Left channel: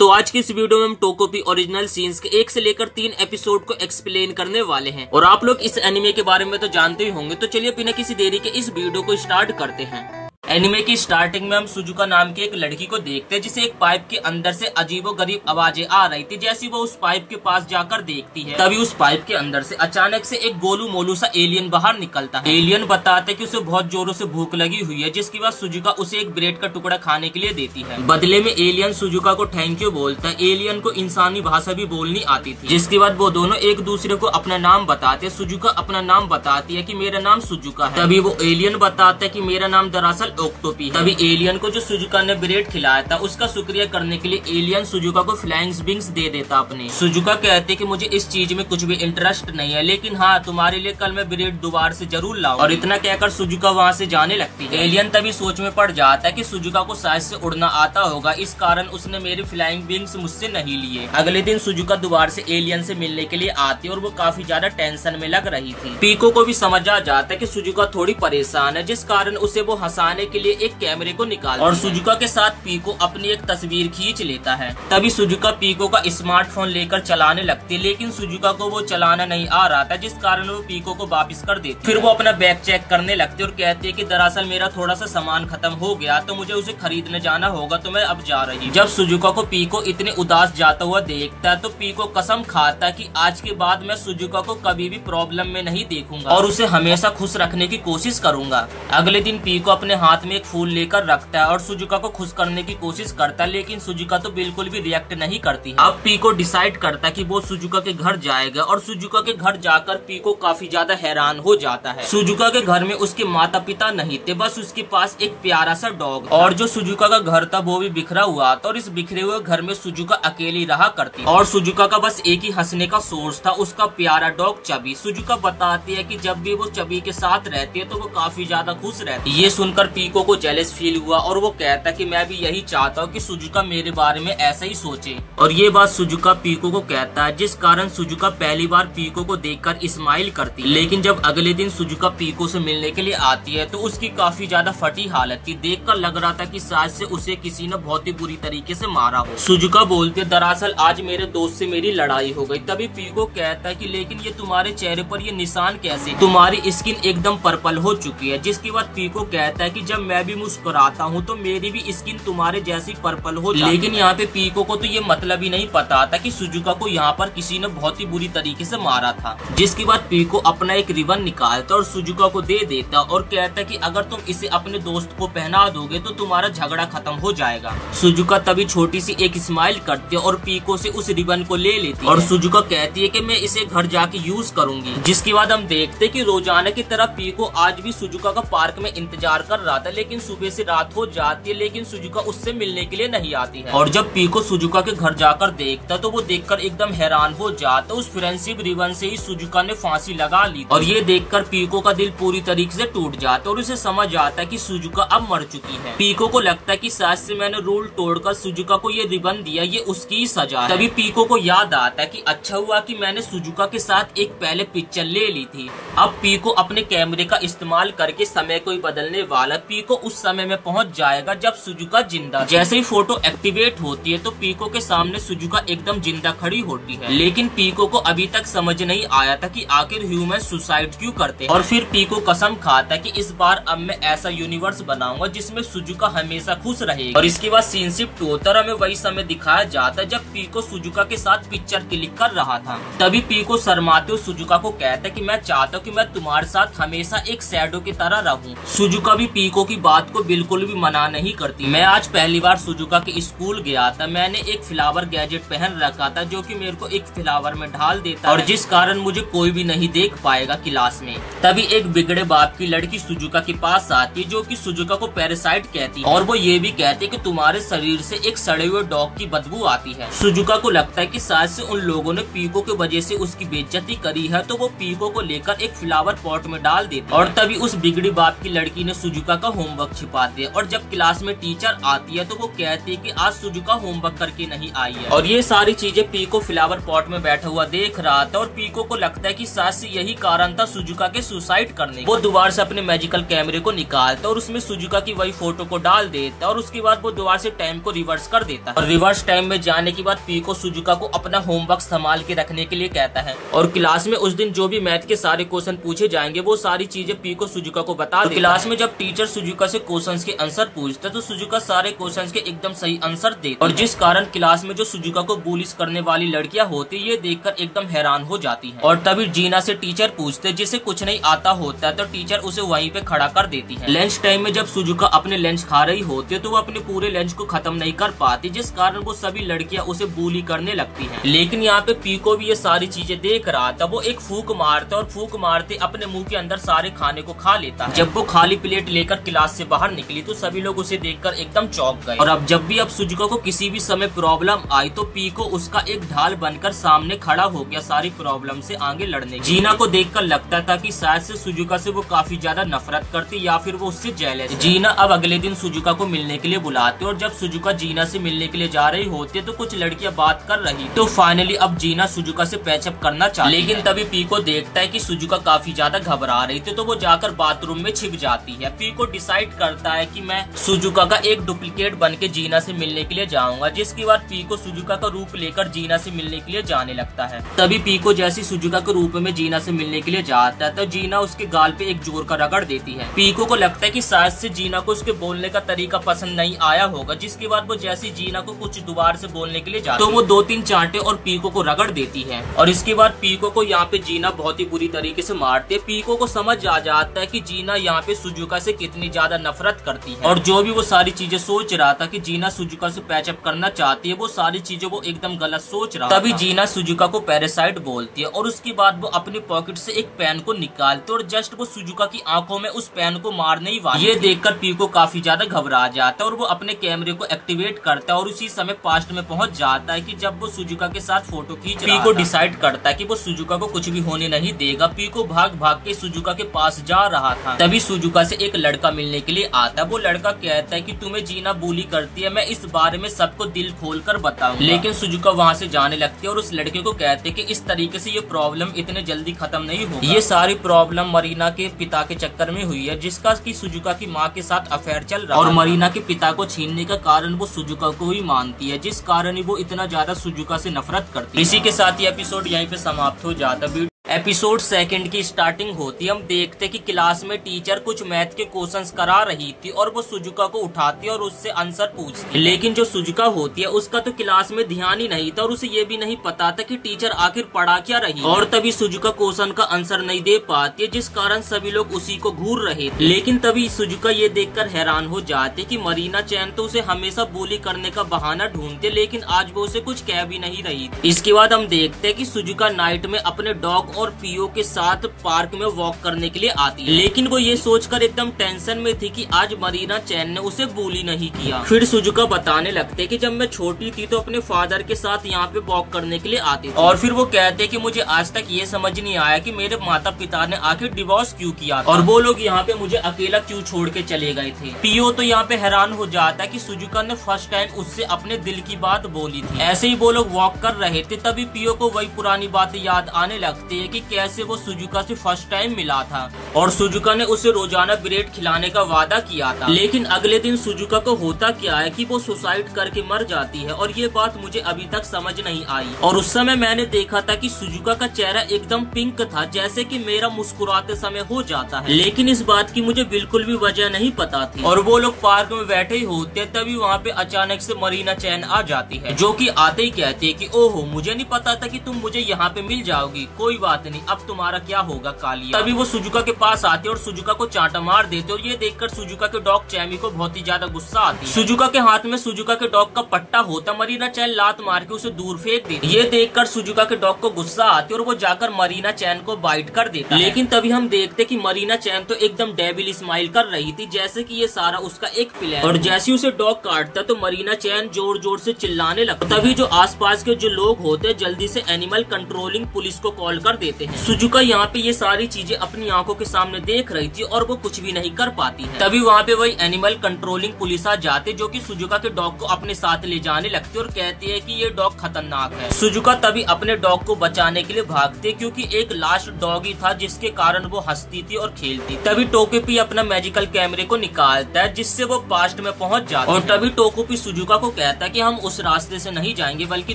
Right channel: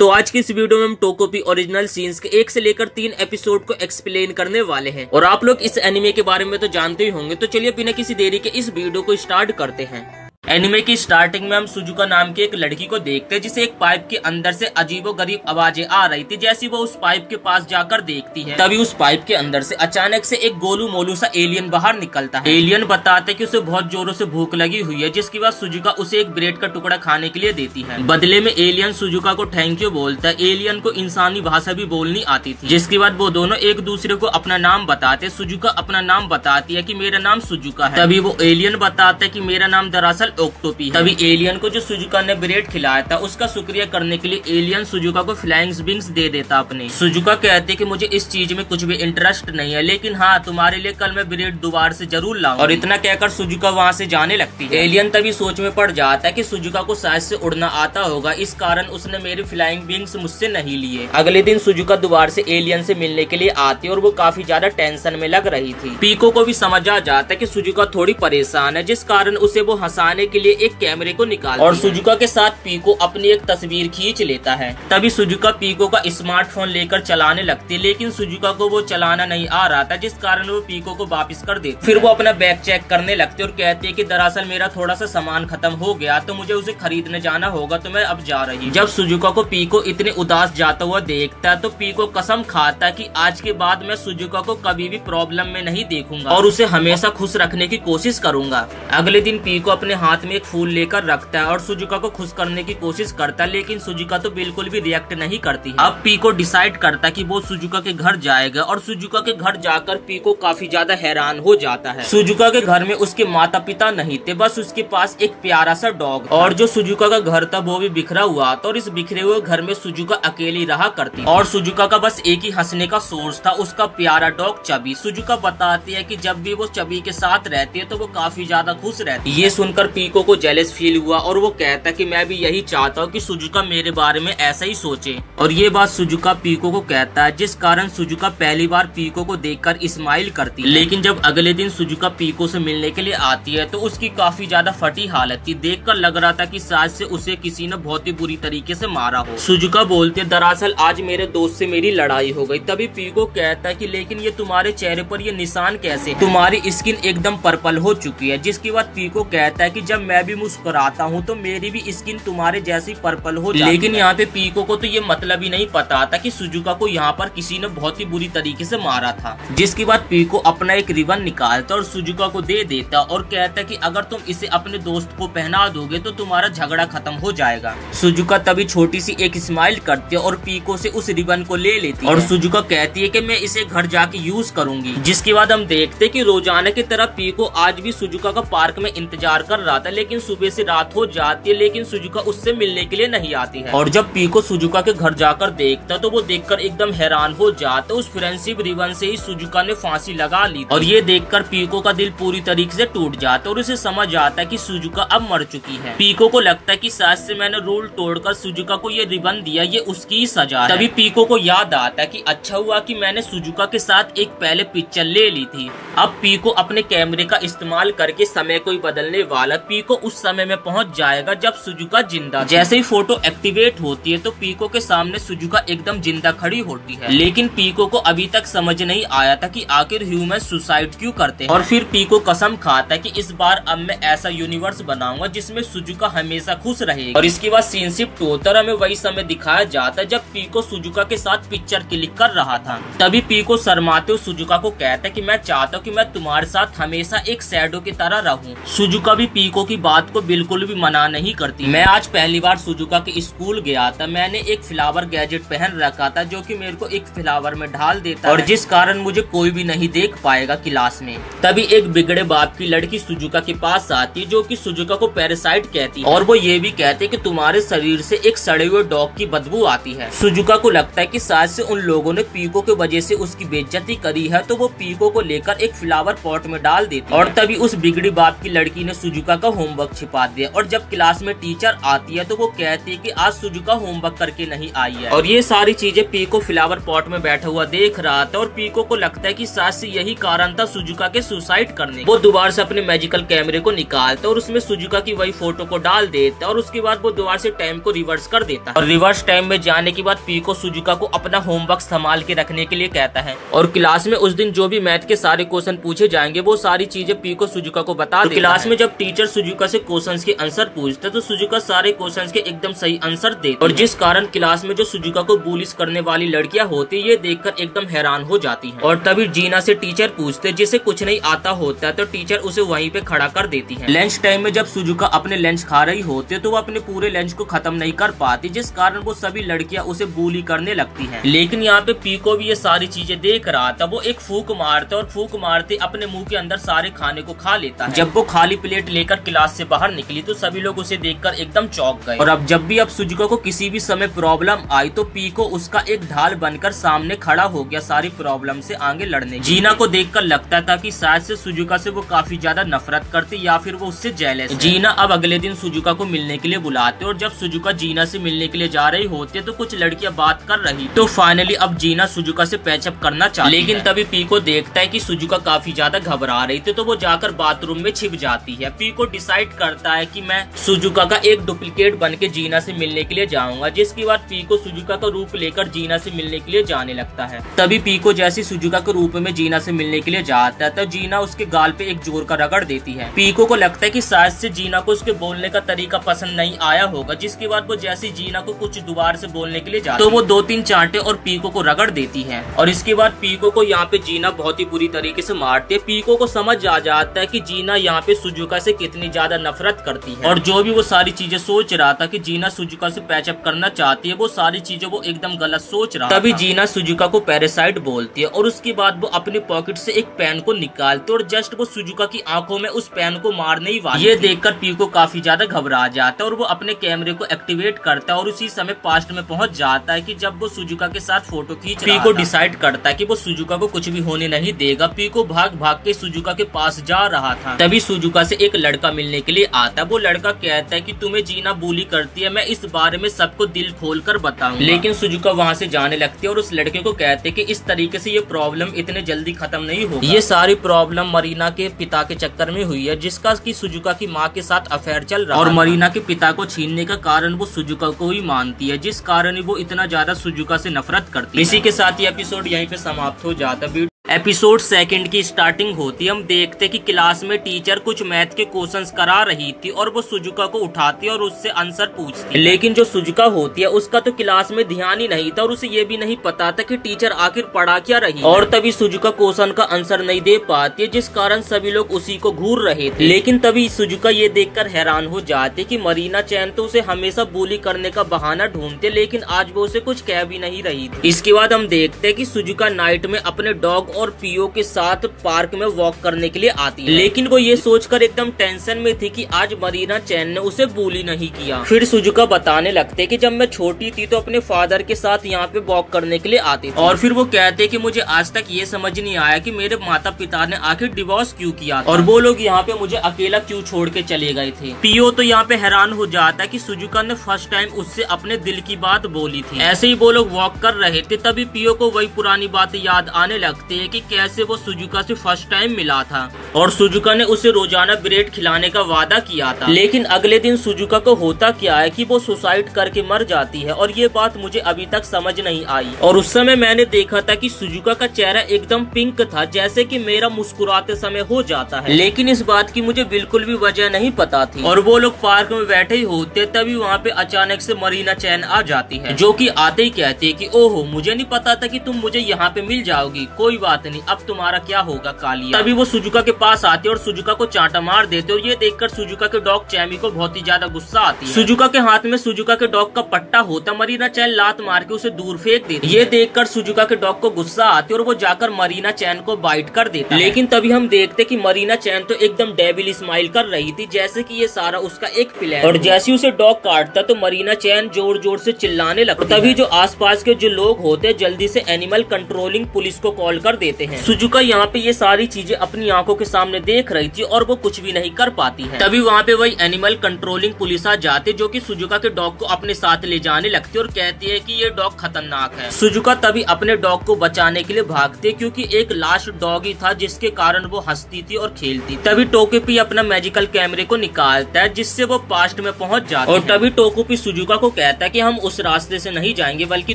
तो आज की इस वीडियो में हम टोकोपी ओरिजिनल सीन्स के 1 से लेकर 3 एपिसोड को एक्सप्लेन करने वाले हैं। और आप लोग इस एनिमे के बारे में तो जानते ही होंगे, तो चलिए बिना किसी देरी के इस वीडियो को स्टार्ट करते हैं। एनिमे की स्टार्टिंग में हम सुजुका नाम की एक लड़की को देखते हैं, जिसे एक पाइप के अंदर से अजीबोगरीब आवाजें आ रही थी। जैसी वो उस पाइप के पास जाकर देखती है, तभी उस पाइप के अंदर से अचानक से एक गोलू मोलू सा एलियन बाहर निकलता है। एलियन बताते हैं कि उसे बहुत जोरों से भूख लगी हुई है, जिसके बाद सुजुका उसे एक ब्रेड का टुकड़ा खाने के लिए देती है। बदले में एलियन सुजुका को थैंक यू बोलता है। एलियन को इंसानी भाषा भी बोलनी आती थी, जिसके बाद वो दोनों एक दूसरे को अपना नाम बताते। सुजुका अपना नाम बताती है कि मेरा नाम सुजुका है। तभी वो एलियन बताता है कि मेरा नाम दरअसल ओक्टोपी है। एलियन को जो सुजुका ने ब्रेड खिलाया था, उसका शुक्रिया करने के लिए एलियन सुजुका को फ्लाइंग विंग्स दे देता अपने। सुजुका कहते कि मुझे इस चीज में कुछ भी इंटरेस्ट नहीं है, लेकिन हाँ, तुम्हारे लिए कल मैं ब्रेड दोबारा से जरूर लाऊं। और इतना कहकर सुजुका वहाँ से जाने लगती है। एलियन तभी सोच में पड़ जाता है कि सुजुका को शायद से उड़ना आता होगा, इस कारण उसने मेरी फ्लाइंग विंग्स मुझसे नहीं लिए। अगले दिन सुजुका दोबारा से एलियन से मिलने के लिए आती और वो काफी ज्यादा टेंशन में लग रही थी। पीको को भी समझ आ जाता है कि सुजुका थोड़ी परेशान है, जिस कारण उसे वो हंसाने के लिए एक कैमरे को निकाल और सुजुका के साथ पीको अपनी एक तस्वीर खींच लेता है। तभी सुजुका पीको का स्मार्टफोन लेकर चलाने लगती है, लेकिन सुजुका को वो चलाना नहीं आ रहा था, जिस कारण वो पीको को वापस कर देती। फिर वो अपना बैग चेक करने लगती और कहती है कि दरअसल मेरा थोड़ा सा सामान खत्म हो गया, तो मुझे उसे खरीदने जाना होगा, तो मैं अब जा रही। जब सुजुका को पीको इतने उदास जाता हुआ देखता है, तो पीको कसम खाता है कि आज के बाद मैं सुजुका को कभी भी प्रॉब्लम में नहीं देखूंगा और उसे हमेशा खुश रखने की कोशिश करूंगा। अगले दिन पीको अपने हाथ में एक फूल लेकर रखता है और सुजुका को खुश करने की कोशिश करता है, लेकिन सुजुका तो बिल्कुल भी रिएक्ट नहीं करती है। अब पीको डिसाइड करता है कि वो सुजुका के घर जाएगा और सुजुका के घर जाकर पीको काफी ज्यादा हैरान हो जाता है। सुजुका के घर में उसके माता पिता नहीं थे, बस उसके पास एक प्यारा सा डॉग। और जो सुजुका का घर था वो भी बिखरा हुआ था और इस बिखरे हुए घर में सुजुका अकेली रहा करती और सुजुका का बस एक ही हंसने का सोर्स था, उसका प्यारा डॉग चबी। सुजुका बताती है कि जब भी वो चबी के साथ रहती है तो वो काफी ज्यादा खुश रहती है। ये सुनकर पीको को जेलस फील हुआ और वो कहता कि मैं भी यही चाहता हूँ कि सुजुका मेरे बारे में ऐसा ही सोचे। और ये बात सुजुका पीको को कहता है, जिस कारण सुजुका पहली बार पीको को देखकर स्माइल करती है। लेकिन जब अगले दिन सुजुका पीको से मिलने के लिए आती है, तो उसकी काफी ज्यादा फटी हालत थी। देखकर लग रहा था कि शायद से उसे किसी ने बहुत ही बुरी तरीके से मारा हो। सुजुका बोलते दरअसल आज मेरे दोस्त से मेरी लड़ाई हो गई। तभी पीको कहता है कि लेकिन ये तुम्हारे चेहरे पर ये निशान कैसे? तुम्हारी स्किन एकदम पर्पल हो चुकी है। जिसके बाद पीको कहता है कि जब मैं भी मुस्कुराता हूँ तो मेरी भी स्किन तुम्हारे जैसी पर्पल हो जाती है। लेकिन यहाँ पे पीको को तो ये मतलब ही नहीं पता था कि सुजुका को यहाँ पर किसी ने बहुत ही बुरी तरीके से मारा था। जिसके बाद पीको अपना एक रिबन निकालता और सुजुका को दे देता और कहता कि अगर तुम इसे अपने दोस्त को पहना दोगे तो तुम्हारा झगड़ा खत्म हो जाएगा। सुजुका तभी छोटी सी एक स्माइल करती है और पीको से उस रिबन को ले लेती और सुजुका कहती है कि मैं इसे घर जाके यूज करूंगी। जिसके बाद हम देखते कि रोजाना की तरह पीको आज भी सुजुका का पार्क में इंतजार कर रहा था, लेकिन सुबह से रात हो जाती है, लेकिन सुजुका उससे मिलने के लिए नहीं आती है। और जब पीको सुजुका के घर जाकर देखता तो वो देखकर एकदम हैरान हो जाता। उस फ्रेंडशिप रिबन से ही सुजुका ने फांसी लगा ली और ये देखकर पीको का दिल पूरी तरीके से टूट जाता और उसे समझ आता कि सुजुका अब मर चुकी है। पीको को लगता है कि शायद से मैंने रूल तोड़कर सुजुका को ये रिबन दिया, ये उसकी ही सजा है। तभी पीको को याद आता है कि अच्छा हुआ कि मैंने सुजुका के साथ एक पहले पिक्चर ले ली थी। अब पीको अपने कैमरे का इस्तेमाल करके समय को ही बदलने वाला। पीको उस समय में पहुंच जाएगा जब सुजुका जिंदा। जैसे ही फोटो एक्टिवेट होती है तो पीको के सामने सुजुका एकदम जिंदा खड़ी होती है। लेकिन पीको को अभी तक समझ नहीं आया था कि आखिर ह्यूमन सुसाइड क्यों करते हैं। और फिर पीको कसम खाता है कि इस बार अब मैं ऐसा यूनिवर्स बनाऊंगा जिसमें सुजुका हमेशा खुश रहेगी। और इसके बाद सीन शिफ्ट होता है, हमें वही समय दिखाया जाता है जब पीको सुजुका के साथ पिक्चर क्लिक कर रहा था। तभी पीको शर्माते हुए सुजुका को कहता है कि मैं चाहता हूँ कि मैं तुम्हारे साथ हमेशा एक शैडो की तरह रहूं। सुजुका भी पीको की बात को बिल्कुल भी मना नहीं करती। मैं आज पहली बार सुजुका के स्कूल गया था। मैंने एक फ्लावर गैजेट पहन रखा था जो कि मेरे को एक फ्लावर में ढाल देता और जिस कारण मुझे कोई भी नहीं देख पाएगा क्लास में। तभी एक बिगड़े बाप की लड़की सुजुका के पास आती है, जो कि सुजुका को पैरासाइट कहती है और वो ये भी कहते कि तुम्हारे शरीर से एक सड़े हुए डॉग की बदबू आती है। सुजुका को लगता है कि शायद से उन लोगों ने पीको की वजह से उसकी बेइज्जती करी है, तो वो पीको को लेकर एक फ्लावर पॉट में डाल देती है। और तभी उस बिगड़ी बाप की लड़की ने सुजुका का होमवर्क छिपा दिया और जब क्लास में टीचर आती है तो वो कहती है कि आज सुजुका होमवर्क करके नहीं आई है। और ये सारी चीजें पीको फ्लावर पॉट में बैठा हुआ देख रहा था और पीको को लगता है कि शायद से यही कारण था सुजुका के सुसाइड करने। वो दोबारा से अपने मैजिकल कैमरे को निकालता और उसमें सुजुका की वही फोटो को डाल देता और उसके बाद वो दोबारा से टाइम को रिवर्स कर देता है। और रिवर्स टाइम में जाने के बाद पीको सुजुका को अपना होमवर्क संभाल के रखने के लिए कहता है और क्लास में उस दिन जो भी मैथ के सारे क्वेश्चन पूछे जाएंगे वो सारी चीजें पीको सुजुका को बता देता है। क्लास में जब टीचर सुजुका से क्वेश्चंस के आंसर पूछता तो सुजुका सारे क्वेश्चंस के एकदम सही आंसर देता और जिस कारण क्लास में जो सुजुका को बुलिस करने वाली लड़कियां होती ये देखकर एकदम हैरान हो जाती हैं। और तभी जीना से टीचर पूछते जिसे कुछ नहीं आता होता तो टीचर उसे वहीं पे खड़ा कर देती है। लंच टाइम में जब सुजुका अपने लंच खा रही होती तो वो अपने पूरे लंच को खत्म नहीं कर पाती जिस कारण वो सभी लड़कियां उसे बुली करने लगती हैं। लेकिन यहाँ पे पीको भी ये सारी चीजें देख रहा था। वो एक फूंक मारता और फूंक मारते अपने मुंह के अंदर सारे खाने को खा लेता है। जब वो खाली प्लेट लेकर क्लास से बाहर निकली तो सभी लोग उसे देखकर एकदम चौंक गए। और अब जब भी अब सुजुका को किसी भी समय प्रॉब्लम आई तो पीको उसका एक ढाल बनकर सामने खड़ा हो गया सारी प्रॉब्लम से आगे लड़ने। जीना को देखकर लगता था कि शायद से सुजुका से वो काफी ज्यादा नफरत करती या फिर वो उससे जेलस है। जीना अब अगले दिन सुजुका को मिलने के लिए बुलाते और जब सुजुका जीना से मिलने के लिए जा रही होती है तो कुछ लड़कियां बात कर रही तो फाइनली अब जीना सुजुका से पैचअप करना चाहती लेकिन तभी पीको देखता है कि सुजुका काफी ज्यादा घबरा रही थी तो वो जाकर बाथरूम में छिप जाती है। पीको डिसाइड करता है कि मैं सुजुका का एक डुप्लीकेट बन के जीना से मिलने के लिए जाऊंगा जिसके बाद पीको सुजुका का रूप लेकर जीना से मिलने के लिए जाने लगता है। तभी पीको जैसी सुजुका के रूप में जीना से मिलने के लिए जाता है तो जीना उसके गाल पे एक जोर का रगड़ देती है। पीको को लगता है कि शायद से जीना को उसके बोलने का तरीका पसंद नहीं आया होगा जिसके बाद वो जैसी जीना को कुछ दोबारा से बोलने के लिए जाती तो वो 2-3 चांटे और पीको को रगड़ देती है। और इसके बाद पीको को यहाँ पे जीना बहुत ही बुरी तरीके से मारती है। पीको को समझ आ जाता है कि जीना यहाँ पे सुजुका से कितनी ज्यादा नफरत करती है और जो भी वो सारी चीजें सोच रहा था कि जीना सुजुका से पैचअप करना चाहती है वो सारी चीजें वो एकदम गलत सोच रहा था। तभी जीना सुजुका को पैरासाइट बोलती है और उसके बाद वो अपने पॉकेट से एक पेन को निकालती है और जस्ट वो सुजुका की आंखों में उस पेन को मारने ही वाली। ये देखकर पीको काफी ज्यादा घबरा जाता है और वो अपने कैमरे को एक्टिवेट करता है और उसी समय पास्ट में पहुंच जाता है कि जब वो सुजुका के साथ फोटो खींच रहा था। पीको डिसाइड करता है कि वो सुजुका को कुछ भी होने नहीं देगा। पीको भाग भाग के सुजुका के पास जा रहा था तभी सुजुका से एक लड़का मिलने के लिए आता है। वो लड़का कहता है कि तुम्हें जीना बुली करती है, मैं इस बारे में सबको दिल खोल कर बताऊंगा। लेकिन सुजुका वहाँ से जाने लगती है और उस लड़के को कहते हैं कि इस तरीके से ये प्रॉब्लम इतने जल्दी खत्म नहीं होगा। ये सारी प्रॉब्लम मरीना के पिता के चक्कर में हुई है जिसका की सुजुका की माँ के साथ अफेयर चल रहा है और मरीना के पिता को छीनने का कारण वो सुजुका को ही मानती है जिस कारण वो इतना ज्यादा सुजुका से नफरत करती है। इसी के साथ ये एपिसोड यहीं पे समाप्त हो जाता है। एपिसोड 2 की स्टार्टिंग होती है। हम देखते कि क्लास में टीचर कुछ मैथ के क्वेश्चंस करा रही थी और वो सुजुका को उठाती और उससे आंसर पूछती। लेकिन जो सुजुका होती है उसका तो क्लास में ध्यान ही नहीं था और उसे ये भी नहीं पता था कि टीचर आखिर पढ़ा क्या रही और तभी सुजुका क्वेश्चन का आंसर नहीं दे पाती है जिस कारण सभी लोग उसी को घूर रहे थे। लेकिन तभी सुजुका ये देखकर हैरान हो जाते कि मरीना चैन तो उसे हमेशा बुली करने का बहाना ढूंढते लेकिन आज वो उसे कुछ कह भी नहीं रही थी। इसके बाद हम देखते कि सुजुका नाइट में अपने डॉग और पीओ के साथ पार्क में वॉक करने के लिए आती है लेकिन वो ये सोचकर एकदम टेंशन में थी कि आज मरीना चैन ने उसे बुली नहीं किया। फिर सुजुका बताने लगते कि जब मैं छोटी थी तो अपने फादर के साथ यहाँ पे वॉक करने के लिए आती थी और फिर वो कहते कि मुझे आज तक ये समझ नहीं आया कि मेरे माता पिता ने आखिर डिवोर्स क्यों किया और वो लोग यहाँ पे मुझे अकेला क्यों छोड़ के चले गए थे। पीओ तो यहाँ पे हैरान हो जाता कि सुजुका ने फर्स्ट टाइम उससे अपने दिल की बात बोली थी। ऐसे ही वो लोग वॉक कर रहे थे तभी पीओ को वही पुरानी बातें याद आने लगती है कि कैसे वो सुजुका से फर्स्ट टाइम मिला था और सुजुका ने उसे रोजाना ब्रेड खिलाने का वादा किया था। लेकिन अगले दिन सुजुका को होता क्या है कि वो सुसाइड करके मर जाती है और ये बात मुझे अभी तक समझ नहीं आई। और उस समय मैंने देखा था कि सुजुका का चेहरा एकदम पिंक था जैसे कि मेरा मुस्कुराते समय हो जाता है लेकिन इस बात की मुझे बिल्कुल भी वजह नहीं पता थी। और वो लोग पार्क में बैठे ही होते तभी वहाँ पे अचानक से मरीना चैन आ जाती है जो कि आते ही कहती है कि ओहो मुझे नहीं पता था कि तुम मुझे यहाँ पे मिल जाओगी, कोई बात नहीं अब तुम्हारा क्या होगा कालिया। तभी वो सुजुका के पास आते और सुजुका को चांटा मार देते और ये देखकर सुजुका के डॉग चैमी को बहुत ही ज्यादा गुस्सा आती है। सुजुका के हाथ में सुजुका के डॉग का पट्टा होता मरीना चैन लात मार के उसे दूर फेंक देती। ये देखकर सुजुका के डॉग को गुस्सा आती और वो जाकर मरीना चैन को बाइट कर देता है। लेकिन तभी हम देखते कि मरीना चैन तो एकदम डेविल स्माइल कर रही थी जैसे कि ये सारा उसका एक प्लान और जैसे उसे डॉग काटता तो मरीना चैन जोर जोर से चिल्लाने लगता। तभी जो आसपास के जो लोग होते जल्दी से एनिमल कंट्रोलिंग पुलिस को कॉल कर देते हैं। सुजुका यहाँ पे ये सारी चीजें अपनी आंखों के सामने देख रही थी और वो कुछ भी नहीं कर पाती है। तभी वहाँ पे वही एनिमल कंट्रोलिंग पुलिस आ जाते, जो कि सुजुका के डॉग को अपने साथ ले जाने लगती और कहती है कि ये डॉग खतरनाक है। सुजुका तभी अपने डॉग को बचाने के लिए भागते, क्योंकि एक लास्ट डॉग ही था जिसके कारण वो हंसती थी और खेलती। तभी टोकोपी अपना मैजिकल कैमरे को निकालता है, जिससे वो पास्ट में पहुंच जाता है। और तभी टोकोपी सुजुका को कहता है कि हम उस रास्ते से नहीं जाएंगे बल्कि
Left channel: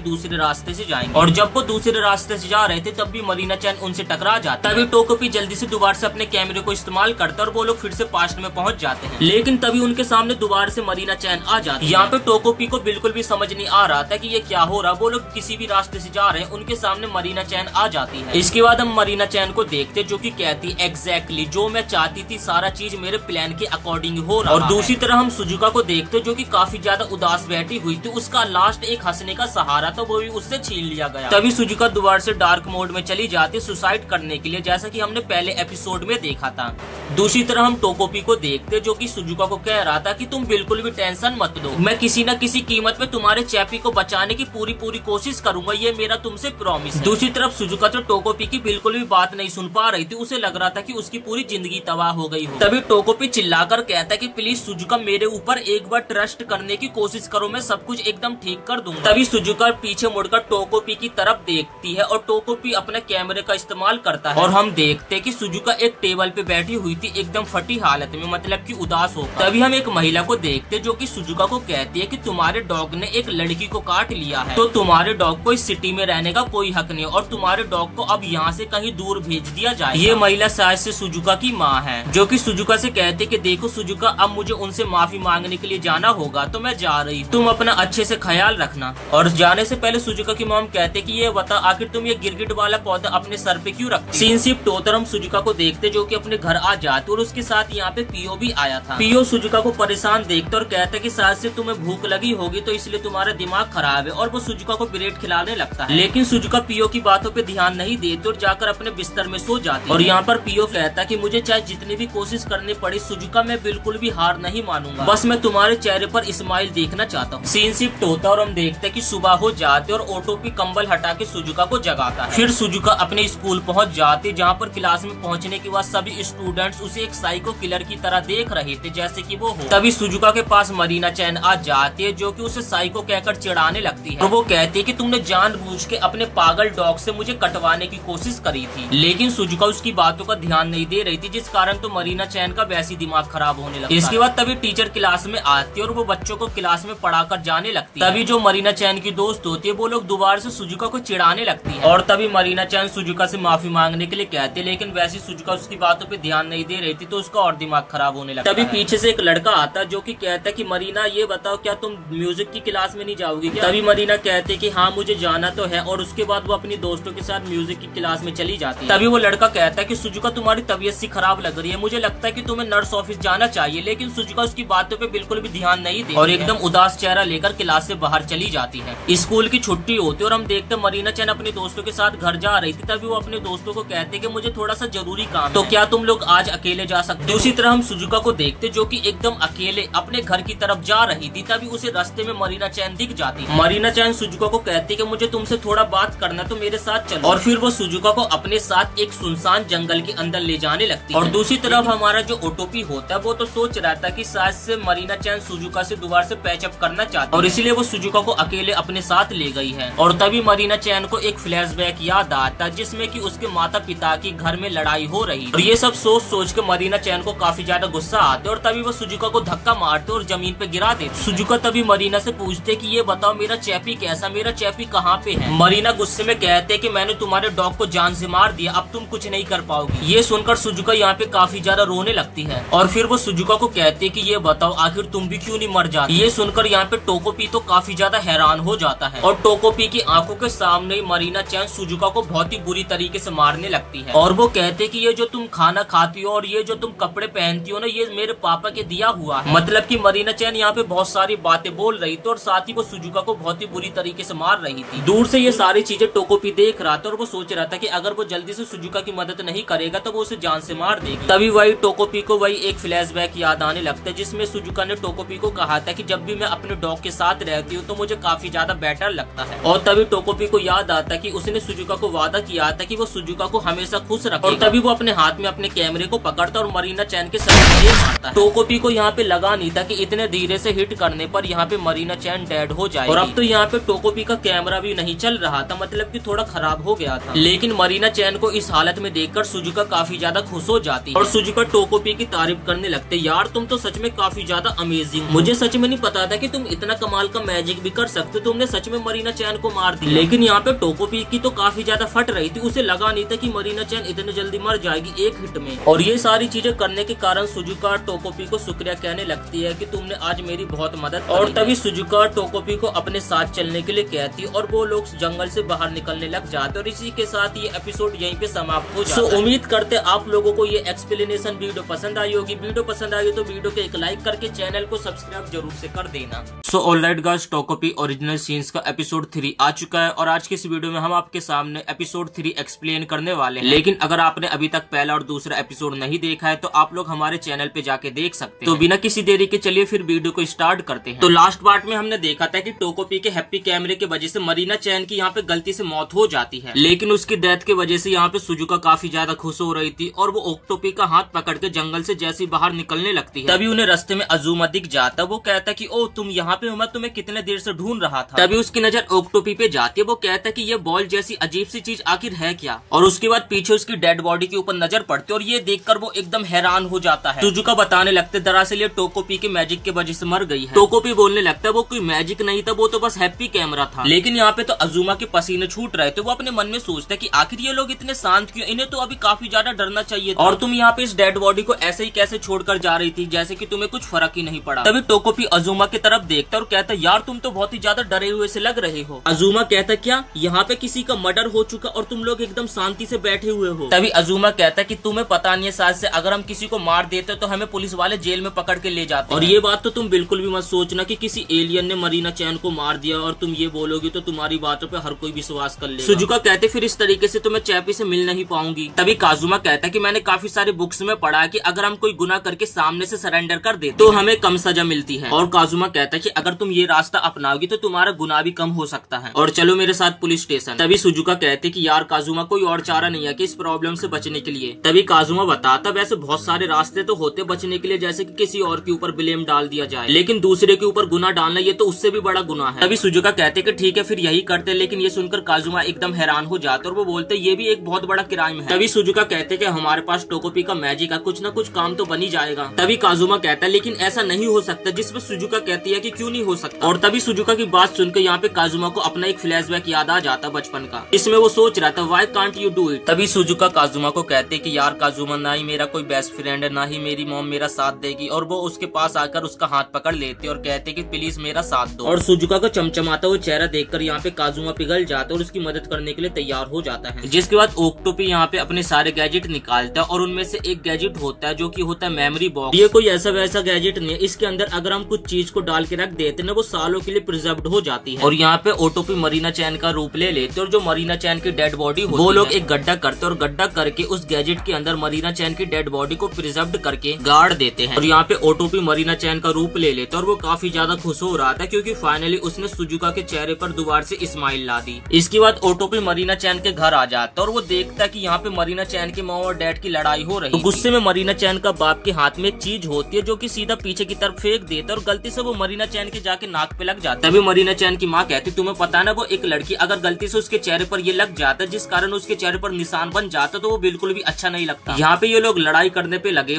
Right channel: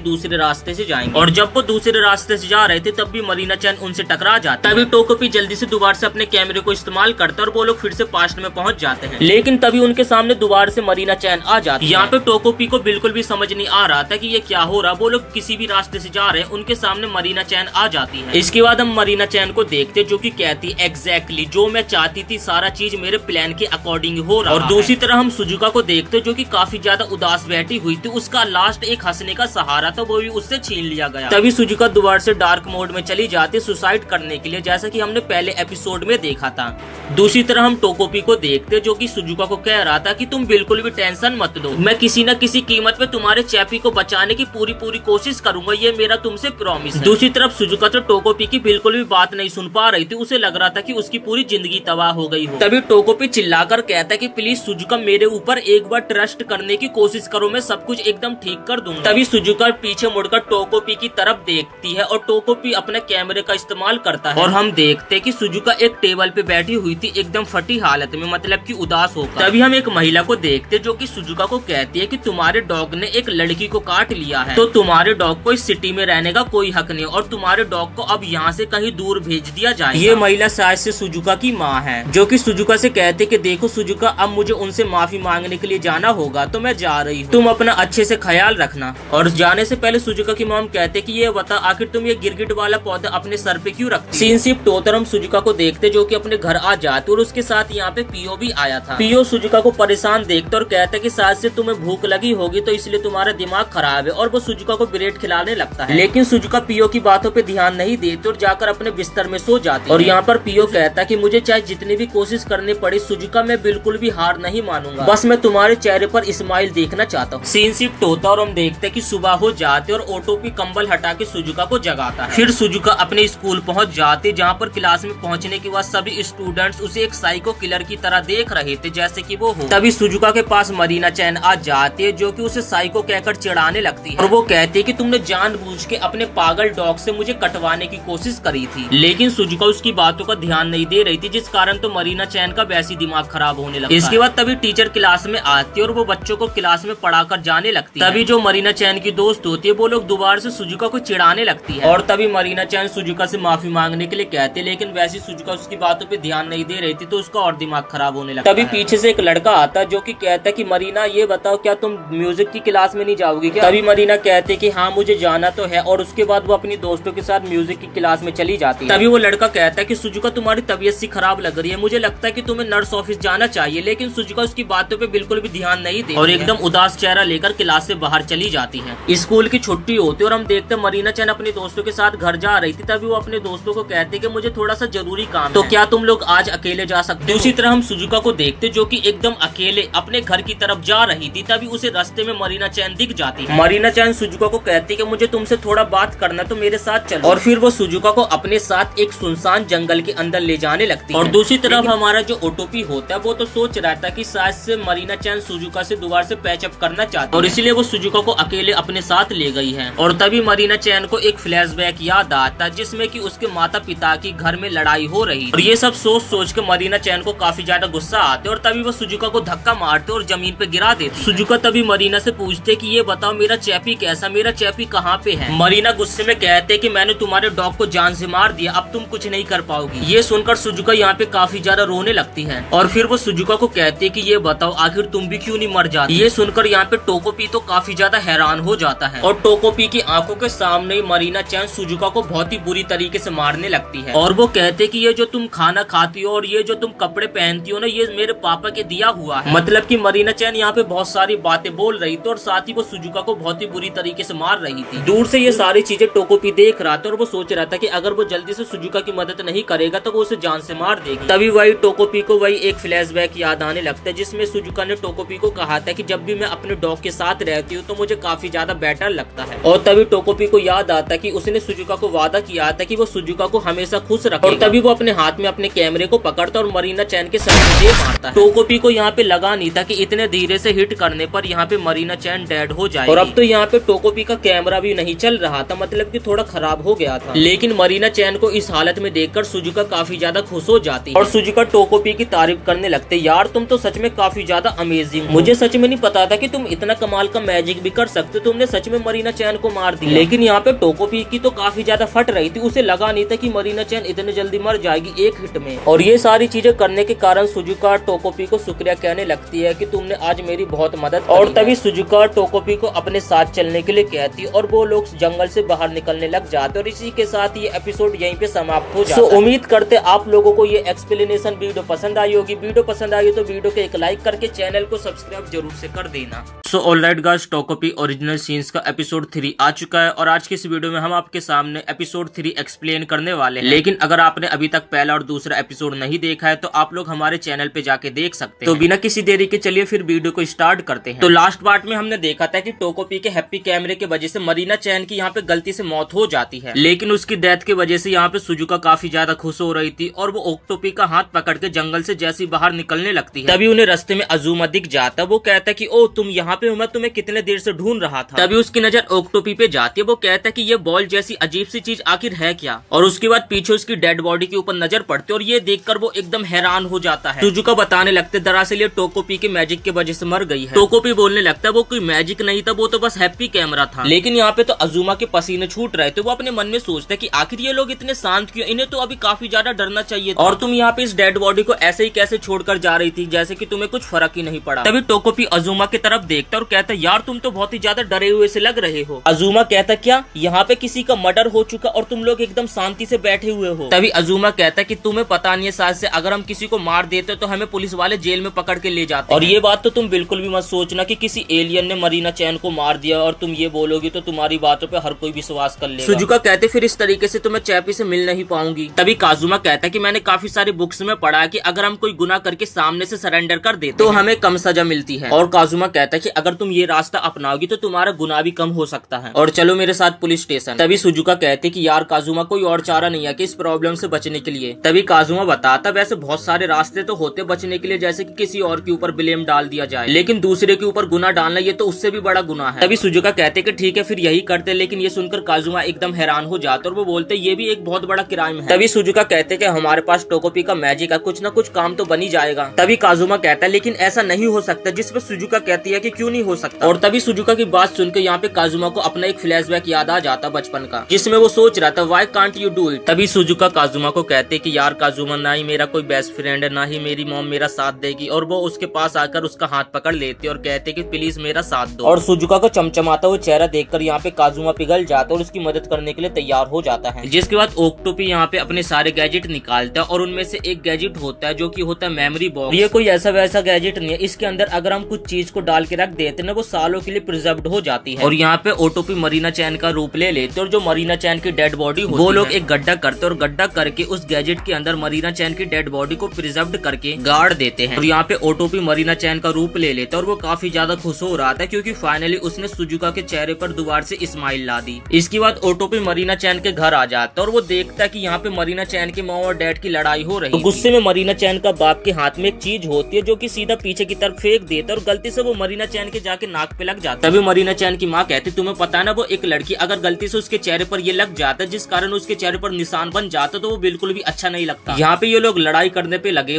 दूसरे रास्ते से जाएंगे। और जब वो दूसरे रास्ते से जा रहे थे तब भी मरीना चैन उनसे टकरा जाता है। तभी टोकोपी जल्दी से दोबारा से अपने कैमरे को इस्तेमाल करता है और वो लोग फिर से पास्ट में पहुंच जाते हैं। लेकिन तभी उनके सामने दोबारा से मरीना चैन आ जाती है। यहाँ पे टोकोपी को बिल्कुल भी समझ नहीं आ रहा था कि ये क्या हो रहा। वो लोग किसी भी रास्ते से जा रहे हैं, उनके सामने मरीना चैन आ जाती है। इसके बाद हम मरीना चैन को देखते, जो कि कहती एग्जैक्टली जो मैं चाहती थी सारा चीज मेरे प्लान के अकॉर्डिंग हो रहा है। और दूसरी तरह हम सुजुका को देखते, जो कि काफी ज्यादा उदास बैठी हुई थी। उसका लास्ट एक हंसने का सहारा था, वो भी उससे छीन लिया गया। तभी सुजुका दोबारा से डार्क मोड में चली जाती सुसाइड करने के लिए, जैसा कि हमने पहले एपिसोड में देखा था। दूसरी तरह हम टोकोपी को देखते, जो कि सुजुका को कह रहा था कि तुम बिल्कुल भी टेंशन मत लो, मैं किसी न किसी कीमत पे तुम्हारे चैपी को बचाने की पूरी कोशिश करूंगा, ये मेरा तुमसे प्रॉमिस है। दूसरी तरफ सुजुका तो टोकोपी की बिल्कुल भी बात नहीं सुन पा रही थी। उसे लग रहा था कि उसकी पूरी जिंदगी तबाह हो गई हो। तभी टोकोपी चिल्लाकर कहता है कि प्लीज सुजुका मेरे ऊपर एक बार ट्रस्ट करने की कोशिश करो, मैं सब कुछ एकदम ठीक कर दूंगा। तभी सुजुका पीछे मुड़कर टोकोपी की तरफ देखती है और टोकोपी अपने कैमरे का इस्तेमाल करता है और हम देखते हैं कि सुजुका एक टेबल पे बैठी हुई थी एकदम फटी हालत में, मतलब कि उदास होकर। तभी हम एक महिला को देखते, जो कि सुजुका को कहती है कि तुम्हारे डॉग ने एक लड़की को काट लिया है, तो तुम्हारे डॉग को इस सिटी में रहने का कोई हक नहीं और तुम्हारे डॉग को अब यहाँ से कहीं दूर भेज दिया जाए। ये महिला शायद से सुजुका की माँ है, जो कि सुजुका से कहते कि देखो सुजुका, अब मुझे उनसे माफी मांगने के लिए जाना होगा, तो मैं जा रही हूँ, तुम अपना अच्छे से ख्याल रखना। और जाने से पहले सुजुका की मॉम कहते कि ये बता आखिर तुम ये गिरगिट वाला पौधा अपने सर पे क्यों रखती? सीन शिफ्ट होकर हम सुजुका को देखते, जो कि अपने घर आ जाते और उसके साथ यहाँ पे पियो भी आया था। पियो सुजुका को परेशान देखते और कहते कि शायद से तुम्हें भूख लगी होगी तो इसलिए तुम्हारा दिमाग खराब है, और वो सुजुका को ब्रेड खिलाने लगता है। लेकिन सुजुका पियो की बातों पे ध्यान नहीं देती और जाकर अपने बिस्तर में सो जाती। और यहाँ पर पियो कहता कि मुझे चाहे जितनी भी कोशिश करनी पड़ी सुजुका, मैं बिल्कुल भी हार नहीं मानूंगा, बस मैं तुम्हारे चेहरे पर स्माइल देखना चाहता हूँ। सीन शिफ्ट होता और हम देखते कि सुबह हो जाते और ओटोपी कंबल हटा के सुजुका को जगाता है। फिर सुजुका अपने स्कूल पहुँच जाते, जहाँ पर क्लास में पहुँचने के बाद सभी स्टूडेंट्स उसे एक साइको किलर की तरह देख रहे थे जैसे कि वो हो। तभी सुजुका के पास मरीना चैन आ जाती है, जो कि उसे साइको कहकर चिढ़ाने लगती है और वो कहती है कि तुमने जानबूझ के अपने पागल डॉग से मुझे कटवाने की कोशिश करी थी। लेकिन सुजुका उसकी बातों का ध्यान नहीं दे रही थी, जिस कारण तो मरीना चैन का वैसी दिमाग खराब होने लगता है। इसके बाद तभी टीचर क्लास में आती है और वो बच्चों को क्लास में पढ़ाकर जाने लगती है। तभी जो मरीना चैन की दोस्त होती है वो लोग दोबारा से सुजुका को चिढ़ाने लगती है और तभी मरीना चैन सुजुका से माफी मांगने के लिए कहती है, लेकिन वैसी सुजुका उसकी बातों पे ध्यान नहीं दे रही थी, तो उसका और दिमाग खराब होने लगता है। तभी पीछे से एक लड़का आता है, जो कि कहता है कि मरीना ये बताओ क्या तुम म्यूजिक की क्लास में नहीं जाओगी क्या? तभी मरीना कहते कि हाँ मुझे जाना तो है, और उसके बाद वो अपनी दोस्तों के साथ म्यूजिक की क्लास में चली जाती है। तभी वो लड़का कहता है कि सुजुका तुम्हारी तबीयत सी खराब लग रही है, मुझे लगता है कि तुम्हें नर्स ऑफिस जाना चाहिए। लेकिन सुजुका उसकी बातों पे बिल्कुल भी ध्यान नहीं देती और एकदम उदास चेहरा लेकर क्लास से बाहर चली जाती है। स्कूल की छुट्टी होती है और हम देखते मरीना चैन अपने दोस्तों के साथ घर जा रही थी। तभी वो अपने दोस्तों को कहते कि मुझे थोड़ा सा जरूरी काम तो क्या तुम लोग आज अकेले जा सकते हो? दूसरी तरह हम सुजुका को देखते, जो कि एकदम अकेले अपने घर की तरफ जा रही थी। तभी उसे रास्ते में मरीना चैन दिख जाती है। मरीना चैन सुजुका को कहती कि मुझे तुमसे थोड़ा बात करना, तो मेरे साथ चलो। और फिर वो सुजुका को अपने साथ एक सुनसान जंगल के अंदर ले जाने लगती है। और दूसरी तरफ हमारा जो ओटोपी होता है वो तो सोच रहा था कि शायद से मरीना चैन सुजुका से दोबारा से पैचअप करना चाहती है और इसीलिए वो सुजुका को अकेले अपने साथ ले गई है। और तभी मरीना चैन को एक फ्लैशबैक याद आता, जिसमें कि उसके माता पिता की घर में लड़ाई हो रही और ये सब सोच के मरीना चैन को काफी ज्यादा गुस्सा आते और तभी वो सुजुका को धक्का मारते और जमीन पे गिरा देते। सुजुका तभी मरीना से पूछते कि ये बताओ मेरा चैपी कैसा, मेरा चैपी कहाँ पे है? मरीना गुस्से में कहते कि मैंने तुम्हारे डॉग को जान से मार दिया, अब तुम कुछ नहीं कर पाओगी। ये सुनकर सुजुका यहाँ पे काफी ज्यादा रोने लगती है और फिर वो सुजुका को कहते कि ये बताओ आखिर तुम भी क्यों नहीं मर जाती? ये सुनकर यहाँ पे टोकोपी तो काफी ज्यादा हैरान हो जाता है और टोकोपी की आंखों के सामने ही मरीना चैन सुजुका को बहुत ही बुरी तरीके से मारने लगती है और वो कहते कि ये जो तुम खाना खाती हो और ये जो तुम कपड़े पहनती हो ना, ये मेरे पापा के दिया हुआ है। मतलब कि मरीना चैन यहाँ पे बहुत सारी बातें बोल रही थी और साथ ही वो सुजुका को बहुत ही बुरी तरीके से मार रही थी। दूर से ये सारी चीजें टोकोपी देख रहा था और वो सोच रहा था कि अगर वो जल्दी से सुजुका की मदद नहीं करेगा तो वो उसे जान से मार देगी। तभी वही टोकोपी को वही एक फ्लैशबैक याद आने लगता है, जिसमें सुजुका ने टोकोपी को कहा था कि जब भी मैं अपने डॉग के साथ रहती हूँ तो मुझे काफी ज्यादा बेटर लगता है। और तभी टोकोपी को याद आता कि उसने सुजुका को वादा किया किया था कि वो सुजुका को हमेशा खुश रखे, और तभी वो अपने हाथ में अपने कैमरे को पकड़ता और मरीना चैन के सर में मारता है। टोकोपी को यहाँ पे लगा नहीं था कि इतने धीरे से हिट करने पर यहाँ पे मरीना चैन डेड हो जाएगी। और अब तो यहाँ पे टोकोपी का कैमरा भी नहीं चल रहा था, मतलब कि थोड़ा खराब हो गया था। लेकिन मरीना चैन को इस हालत में देखकर सुजुका काफी ज्यादा खुश हो जाती है और सुजुका टोकोपी की तारीफ करने लगते, यार तुम तो सच में काफी ज्यादा अमेजिंग, मुझे सच में नहीं पता था कि तुम इतना कमाल का मैजिक भी कर सकते, तुमने सच में मरीना चैन को मार दिया। लेकिन यहाँ पे टोकोपी की तो काफी ज्यादा फट रही थी, उसे लगा नहीं था कि मरीना चैन इतने जल्दी मर जाएगी एक हिट में। और ये सारी चीजें करने के कारण सुजुका टोकोपी को शुक्रिया कहने लगती है कि तुमने आज मेरी बहुत मदद की। और तभी सुजुका टोकोपी को अपने साथ चलने के लिए कहती और वो लोग जंगल से बाहर निकलने लग जाते और इसी के साथ ये एपिसोड यहीं पे समाप्त हो जाता है। उम्मीद करते आप लोगों को ये एक्सप्लेनेशन वीडियो पसंद आई होगी। वीडियो पसंद आई तो वीडियो को एक लाइक करके चैनल को सब्सक्राइब जरूर से कर देना। सो ऑलराइट गाइस, टोकोपी ओरिजिनल सीन्स का एपिसोड 3 आ चुका है और आज की इस वीडियो में हम आपके सामने एपिसोड 3 एक्सप्लेन करने वाले हैं। लेकिन अगर आपने अभी तक पहला और दूसरा एपिसोड नहीं देखा है तो आप लोग हमारे चैनल पे जाके देख सकते हैं। तो बिना किसी देरी के चलिए फिर वीडियो को स्टार्ट करते हैं। तो लास्ट पार्ट में हमने देखा था कि टोकोपी के हैप्पी कैमरे की वजह से मरीना चैन की यहाँ पे गलती से मौत हो जाती है, लेकिन उसकी डेथ की वजह से यहाँ पे सुजुका काफी ज्यादा खुश हो रही थी और वो ओक्टोपी का हाथ पकड़ के जंगल से जैसी बाहर निकलने लगती है तभी उन्हें रास्ते में अजूमा दिख जाता। वो कहता है कि ओ तुम यहाँ पे हो, मैं तुम्हें कितने देर से ढूंढ रहा था। तभी उसकी नजर ओक्टोपी पे जाती है। वो कहता है कि ये बॉल जैसी अजीब सी चीज आखिर है क्या, और उसके बाद पीछे उसकी डेड बॉडी के ऊपर नजर पड़ती है और ये देखकर वो एकदम हैरान हो जाता है। सुजुका बताने लगते दरअसल ये टोकोपी के मैजिक की वजह से मर गई है। टोकोपी बोलने लगता है वो कोई मैजिक नहीं था, वो तो बस हैप्पी कैमरा था। लेकिन यहाँ पे तो अजूमा के पसीने छूट रहे थे। वो अपने मन में सोचता है कि आखिर ये लोग इतने शांत क्यों, इन्हें तो अभी काफी ज्यादा डरना चाहिए था। और तुम यहाँ पे इस डेड बॉडी को ऐसे ही कैसे छोड़कर जा रही थी जैसे कि तुम्हें कुछ फर्क ही नहीं पड़ा। तभी टोकोपी अजूमा की तरफ देखता और कहता यार तुम तो बहुत ही ज्यादा डरे हुए से लग रहे हो। अजूमा कहता क्या यहाँ पे किसी का मर्डर हो चुका और तुम लोग एकदम शांति से बैठे हुए हो। तभी अजूमा कहता कि तुम्हें पता नहीं है शायद से अगर हम किसी को मार देते तो हमें पुलिस वाले जेल में पकड़ के ले जाते। और ये बात तो तुम बिल्कुल भी मत सोचना कि किसी एलियन ने मरीना चैन को मार दिया और तुम ये बोलोगी तो तुम्हारी बातों पे हर कोई विश्वास कर लेगा। सुजुका कहते फिर इस तरीके से तो मैं चैपी से मिल नहीं पाऊंगी। तभी काजुमा कहता कि मैंने काफी सारी बुक्स में पढ़ा है कि अगर हम कोई गुनाह करके सामने से सरेंडर कर देते तो हमें कम सजा मिलती है। और काजुमा कहता है कि अगर तुम ये रास्ता अपनाओगी तो तुम्हारा गुनाह भी कम हो सकता है और चलो मेरे साथ पुलिस स्टेशन। तभी सुजुका कहते कि यार काजुमा कोई और चारा नहीं है कि इस प्रॉब्लम से बचने के लिए। तभी काजुमा बताता वैसे बहुत सारे रास्ते तो होते बचने के लिए, जैसे कि किसी और के ऊपर ब्लेम डाल दिया जाए, लेकिन दूसरे के ऊपर गुनाह डालना ये तो उससे भी बड़ा गुनाह है। तभी सुजुका कहते कि ठीक है फिर यही करते, लेकिन ये सुनकर काजुमा एकदम हैरान हो जाता और वो बोलते ये भी एक बहुत बड़ा क्राइम है। तभी सुजुका कहते कि हमारे पास टोकोपी का मैजिक है, कुछ न कुछ काम तो बन ही जाएगा। तभी काजुमा कहता है लेकिन ऐसा नहीं हो सकता, जिस पर सुजुका कहती है कि क्यों नहीं हो सकता। और तभी सुजुका की बात सुनकर यहाँ पे काजुमा को अपना एक फ्लैशबैक याद आ जाता बचपन का, जिसमें वो सोच रहा था why can't you do it. तभी सुजुका काजुमा को कहते कि यार काजुमा ना ही मेरा कोई बेस्ट फ्रेंड है, ना ही मेरी मॉम मेरा साथ देगी। और वो उसके पास आकर उसका हाथ पकड़ लेते और कहते कि प्लीज मेरा साथ दो। और सुजुका को चमचमाता हुआ चेहरा देखकर यहाँ पे काजुमा पिघल जाता और उसकी मदद करने के लिए तैयार हो जाता है। जिसके बाद ओक्टोपी यहाँ पे अपने सारे गैजेट निकालता है और उनमें से एक गैजेट होता है जो कि होता है मेमोरी बॉक्स। ये कोई ऐसा वैसा गैजेट नहीं है, इसके अंदर अगर हम कुछ चीज को डाल के रख देते ना वो सालों के लिए प्रिजर्व्ड हो जाती है। और यहाँ पे ओटोपी मरीना चैन का रूप ले लेते और जो मरीना चैन की डेड बॉडी वो लोग एक गड्ढा करते और गड्ढा करके उस गैजेट के अंदर मरीना चैन की डेड बॉडी को प्रिजर्व्ड करके गाड़ देते हैं। और यहाँ पे ओटोपी मरीना चैन का रूप ले लेता और वो काफी ज्यादा खुश हो रहा था क्योंकि फाइनली उसने सुजुका के चेहरे पर दोबारा से स्माइल ला दी। इसके बाद ओटोपी मरीना चैन के घर आ जाता और वो देखता कि यहाँ पे मरीना चैन की माँ और डैड की लड़ाई हो रही है। तो गुस्से में मरीना चैन का बाप के हाथ में एक चीज होती है जो कि सीधा पीछे की तरफ फेंक देता और गलती से वो मरीना चैन के जाके नाक पे लग जाता। तभी मरीना चैन की माँ कहती तुम्हें पता ना वो एक लड़की अगर गलती से उसके चेहरे पर ये लग जाता जिस कारण उसके चेहरे पर निशान बन जाता तो वो बिल्कुल भी अच्छा नहीं लगता। यहाँ पे ये लोग लड़ाई करने पे लगे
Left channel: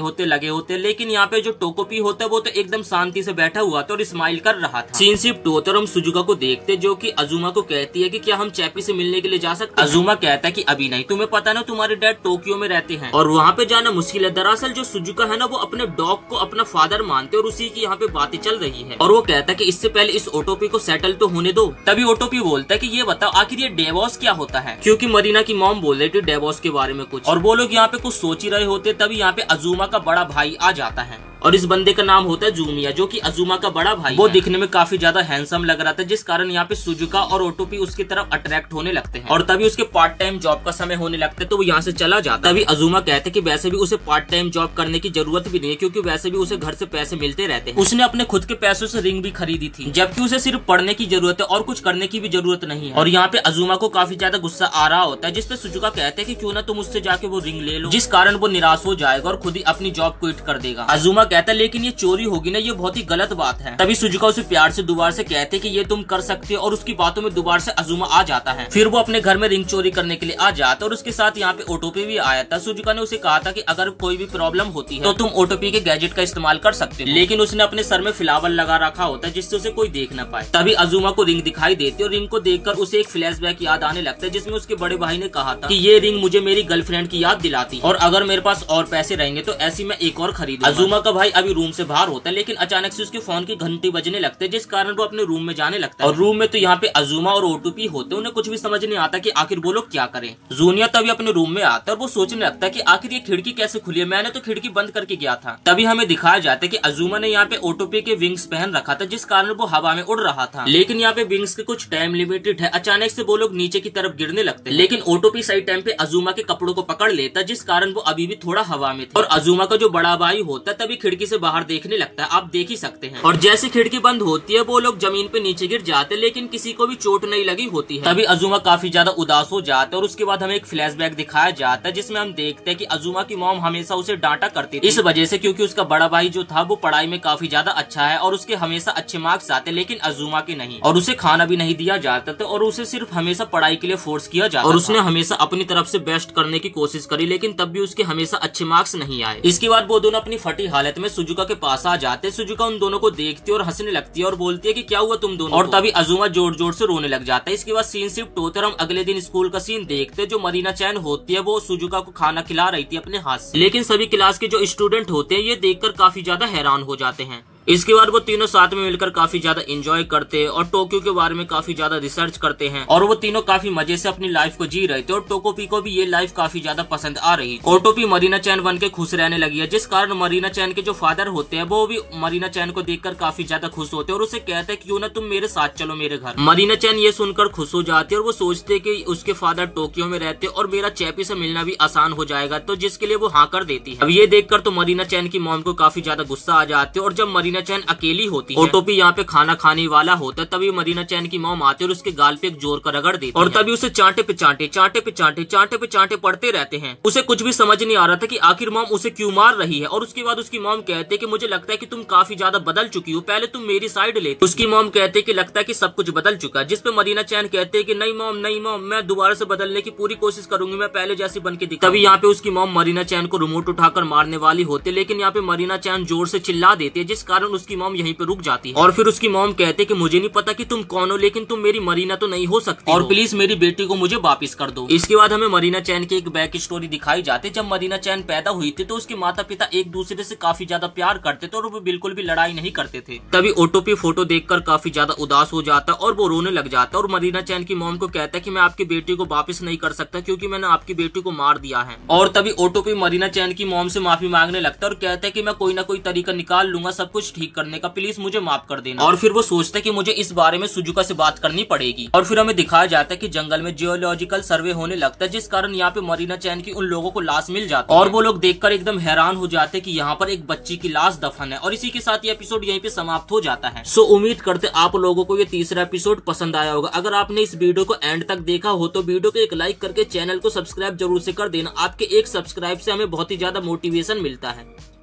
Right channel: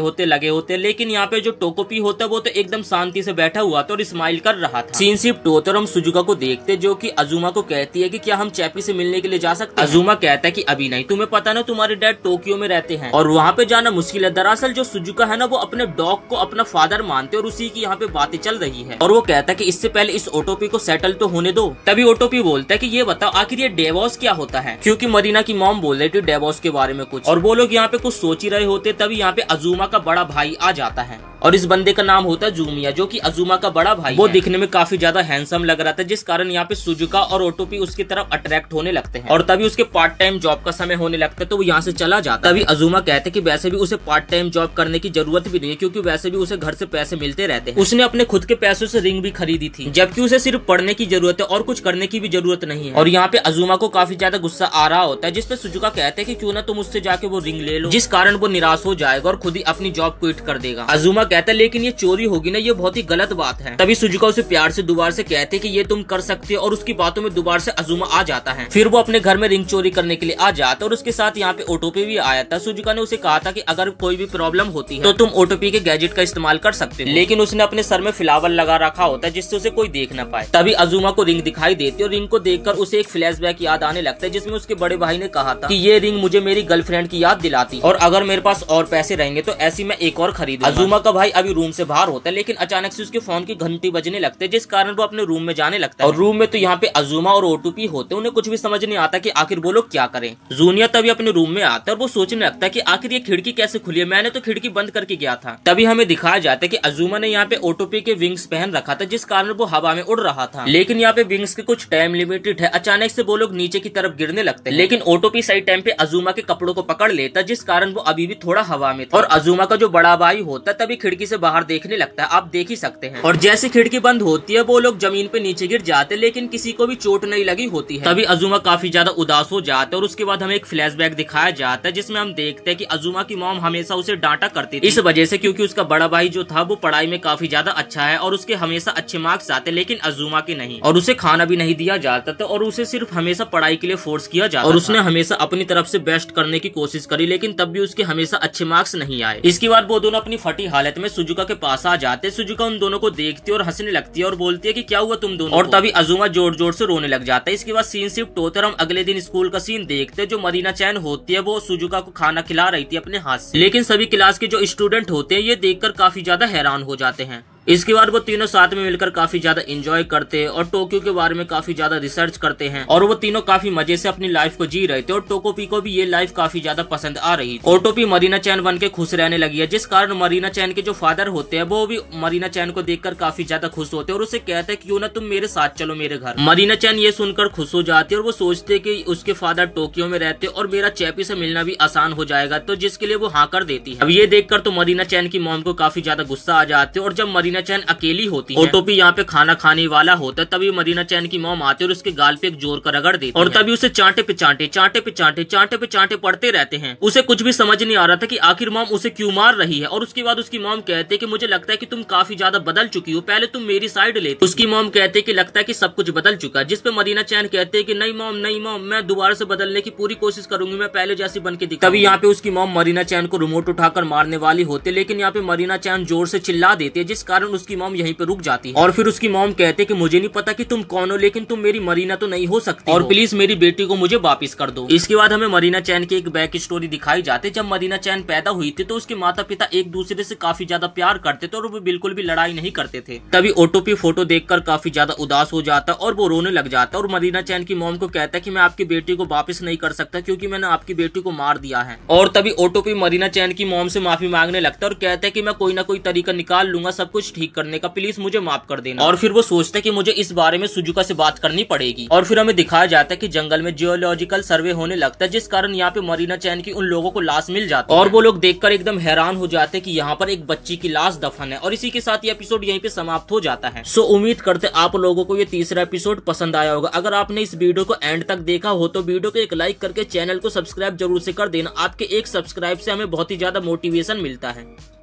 होते लेकिन यहाँ पे जो टोकोपी होता है वो तो एकदम शांति से बैठा हुआ था और स्माइल कर रहा था। सीन शिफ्ट होता और हम सुजुका को देखते जो कि अजूमा को कहती है कि क्या हम चैपी से मिलने के लिए जा सकते हैं। अजूमा कहता है कि अभी नहीं, तुम्हें पता ना तुम्हारे डैड टोक्यो में रहते हैं और वहाँ पे जाना मुश्किल है। दरअसल जो सुजुका है ना वो अपने डॉग को अपना फादर मानते और उसी की यहाँ पे बातें चल रही है। और वो कहता है कि इससे पहले इस ओटोपी को सेटल तो होने दो। तभी ओटोपी बोलता है कि ये बताओ आखिर ये डिवोर्स क्या होता है, क्योंकि मरीना की मॉम बोल रही थी डिवोर्स के बारे में कुछ और वो लोग यहाँ पे कुछ सोच ही रहे होते। तभी यहाँ पे अजूमा का बड़ा भाई आ जाता है। और इस बंदे का नाम होता है जूमिया, जो कि अजुमा का बड़ा भाई। वो दिखने में काफी ज्यादा हैंडसम लग रहा था, जिस कारण यहाँ पे सुजुका और ओटोपी उसकी तरफ अट्रैक्ट होने लगते हैं। और तभी उसके पार्ट टाइम जॉब का समय होने लगता है, तो वो यहाँ से चला जाता है। तभी अजुमा कहते कि वैसे भी उसे पार्ट टाइम जॉब करने की जरूरत भी नहीं है, क्योंकि वैसे भी उसे घर से पैसे मिलते रहते हैं। उसने अपने खुद के पैसों से रिंग भी खरीदी थी, जबकि उसे सिर्फ पढ़ने की जरूरत है और कुछ करने की भी जरूरत नहीं है। और यहाँ पे अजुमा को काफी ज्यादा गुस्सा आ रहा होता है, जिसपे सुजुका कहते हैं कि क्यों ना तुम उससे जाके वो रिंग ले लो, जिस कारण वो निराश हो जाएगा और खुद ही अपनी जॉब क्विट कर देगा। अजुमा कहता है लेकिन ये चोरी होगी ना, ये बहुत ही गलत बात है। तभी सुजुका उसे प्यार से दोबारा से कहते हैं कि ये तुम कर सकते हो, और उसकी बातों में दोबारा से अजुमा आ जाता है। फिर वो अपने घर में रिंग चोरी करने के लिए आ जाता है और उसके साथ यहाँ पे ओटोपी भी आया था। सुजुका ने उसे कहा था कि अगर कोई भी प्रॉब्लम होती है तो तुम ओटोपी के गैजेट का इस्तेमाल कर सकते हो, लेकिन उसने अपने सर में फ्लावर लगा रखा होता है जिससे उसे कोई देख न पाए। तभी अजुमा को रिंग दिखाई देती है और रिंग को देखकर उसे एक फ्लैशबैक याद आने लगता है, जिसमें उसके बड़े भाई ने कहा था कि ये रिंग मुझे मेरी गर्लफ्रेंड की याद दिलाती, और अगर मेरे पास और पैसे रहेंगे तो ऐसी मैं एक और खरीदूंगा। अजुमा का भाई अभी रूम से बाहर होता है, लेकिन अचानक से उसके फोन की घंटी बजने लगते है, जिस कारण वो अपने रूम में जाने लगता है। और रूम में तो यहाँ पे अजुमा और ओटोपी होते, उन्हें कुछ भी समझ नहीं आता कि आखिर वो लोग क्या करें। जूनिया तभी अपने रूम में आता है और वो सोचने लगता है कि आखिर ये खिड़की कैसे खुली है, मैंने तो खिड़की बंद करके गया था। तभी हमें दिखाया जाता है कि अजुमा ने यहाँ पे ओटोपी के विंग्स पहन रखा था, जिस कारण वो हवा में उड़ रहा था, लेकिन यहाँ पे विंग्स के कुछ टाइम लिमिटेड है। अचानक से वो लोग नीचे की तरफ गिरने लगते हैं, लेकिन ओटोपी सही टाइम पे अजुमा के कपड़ों को पकड़ लेता, जिस कारण वो अभी भी थोड़ा हवा में था। और अजुमा का जो बड़ा भाई होता है तभी खिड़की से बाहर देखने लगता है, आप देख ही सकते हैं। और जैसे खिड़की बंद होती है वो लोग जमीन पे नीचे गिर जाते, लेकिन किसी को भी चोट नहीं लगी होती है। तभी अजुमा काफी ज्यादा उदास हो जाता है और उसके बाद हमें एक फ्लैशबैक दिखाया जाता है, जिसमें हम देखते हैं कि अजुमा की मॉम हमेशा उसे डांटा करती थी, इस वजह से क्योंकि उसका बड़ा भाई जो था वो पढ़ाई में काफी ज्यादा अच्छा है और उसके हमेशा अच्छे मार्क्स आते, लेकिन अजुमा के नहीं। और उसे खाना भी नहीं दिया जाता था और उसे सिर्फ हमेशा पढ़ाई के लिए फोर्स किया जाता और उसने हमेशा अपनी तरफ से बेस्ट करने की कोशिश करी, लेकिन तब भी उसके हमेशा अच्छे मार्क्स नहीं आए। इसके बाद वो दोनों अपनी फटी हालत में सुजुका के पास आ जाते। सुजुका उन दोनों को देखती है और हंसने लगती है और बोलती है कि क्या हुआ तुम दोनों, और तभी अजुमा जोर जोर से रोने लग जाता है। इसके बाद सीन शिफ्ट होता है, हम अगले दिन स्कूल का सीन देखते हैं। जो मरीना चैन होती है वो सुजुका को खाना खिला रही थी अपने हाथ से, लेकिन सभी क्लास के जो स्टूडेंट होते हैं ये देखकर काफी ज्यादा हैरान हो जाते हैं। इसके बाद वो तीनों साथ में मिलकर काफी ज्यादा एंजॉय करते हैं और टोक्यो के बारे में काफी ज्यादा रिसर्च करते हैं, और वो तीनों काफी मजे से अपनी लाइफ को जी रहे थे और टोकोपी को भी ये लाइफ काफी ज्यादा पसंद आ रही थी। ओटोपी मरीना चैन बन के खुश रहने लगी है, जिस कारण मरीना चैन के जो फादर होते हैं वो भी मरीना चैन को देखकर काफी ज्यादा खुश होते हैं और उसे कहते हैं क्यों ना तुम मेरे साथ चलो मेरे घर। मरीना चैन ये सुनकर खुश हो जाती है और वो सोचते है कि उसके फादर टोक्यो में रहते और मेरा चैपी से मिलना भी आसान हो जाएगा, तो जिसके लिए वो हाँ कर देती है। अब ये देखकर तो मरीना चैन की मॉम को काफी ज्यादा गुस्सा आ जाते है, और जब मरीना चैन अकेली होती है, ओटोपी यहाँ पे खाना खाने वाला होता है, तभी मरीना चैन की मॉम आती है और उसके गाल पे एक जोर का रगड़ देती है, और तभी उसे चांटे पे चांटे चांटे पे चांटे चांटे पे चांटे पड़ते रहते हैं। उसे कुछ भी समझ नहीं आ रहा था कि आखिर मॉम उसे क्यों मार रही है। और उसके बाद उसकी मॉम कहते हैं कि मुझे लगता है कि तुम काफी ज्यादा बदल चुकी हो, पहले तुम मेरी साइड लेती। उसकी मॉम कहते हैं कि लगता है कि सब कुछ बदल चुका है, जिसपे मरीना चैन कहते हैं कि नहीं मॉम मैं दोबारा से बदलने की पूरी कोशिश करूंगी, मैं पहले जैसी बन के दिखूंगी। तभी यहाँ पे उसकी मॉम मरीना चैन को रिमोट उठाकर मारने वाली होती है, लेकिन यहाँ पे मरीना चैन जोर से चिल्ला देती है, जिस कारण उसकी मॉम यहीं पे रुक जाती है। और फिर उसकी मॉम कहते कि मुझे नहीं पता कि तुम कौन हो, लेकिन तुम मेरी मरीना तो नहीं हो सकती और प्लीज मेरी बेटी को मुझे वापस कर दो। इसके बाद हमें मरीना चैन की एक बैक स्टोरी दिखाई जाती। जब मरीना चैन पैदा हुई थी तो उसके माता पिता एक दूसरे से काफी ज्यादा प्यार करते थे और वो बिल्कुल भी लड़ाई नहीं करते थे। तभी ओटोपी फोटो देखकर काफी ज्यादा उदास हो जाता और वो रोने लग जाता और मरीना चैन की मॉम को कहता है कि मैं आपकी बेटी को वापस नहीं कर सकता क्योंकि मैंने आपकी बेटी को मार दिया है। और तभी ओटोपी मरीना चैन की मॉम से माफी मांगने लगता है और कहता है कि मैं कोई ना कोई तरीका निकाल लूंगा सब कुछ ठीक करने का, प्लीज मुझे माफ कर देना। और फिर वो सोचता है कि मुझे इस बारे में सुजुका से बात करनी पड़ेगी। और फिर हमें दिखाया जाता है कि जंगल में जियोलॉजिकल सर्वे होने लगता है, जिस कारण यहाँ पे मरीना चैन की उन लोगों को लाश मिल जाती है और वो लोग देखकर एकदम हैरान हो जाते हैं कि यहाँ पर एक बच्ची की लाश दफन है। और इसी के साथ ये एपिसोड यहीं पे समाप्त हो जाता है। सो उम्मीद करते आप लोगों को ये तीसरा एपिसोड पसंद आया होगा। अगर आपने इस वीडियो को एंड तक देखा हो तो वीडियो को एक लाइक करके चैनल को सब्सक्राइब जरूर से कर देना। आपके एक सब्सक्राइब से हमें बहुत ही ज्यादा मोटिवेशन मिलता है।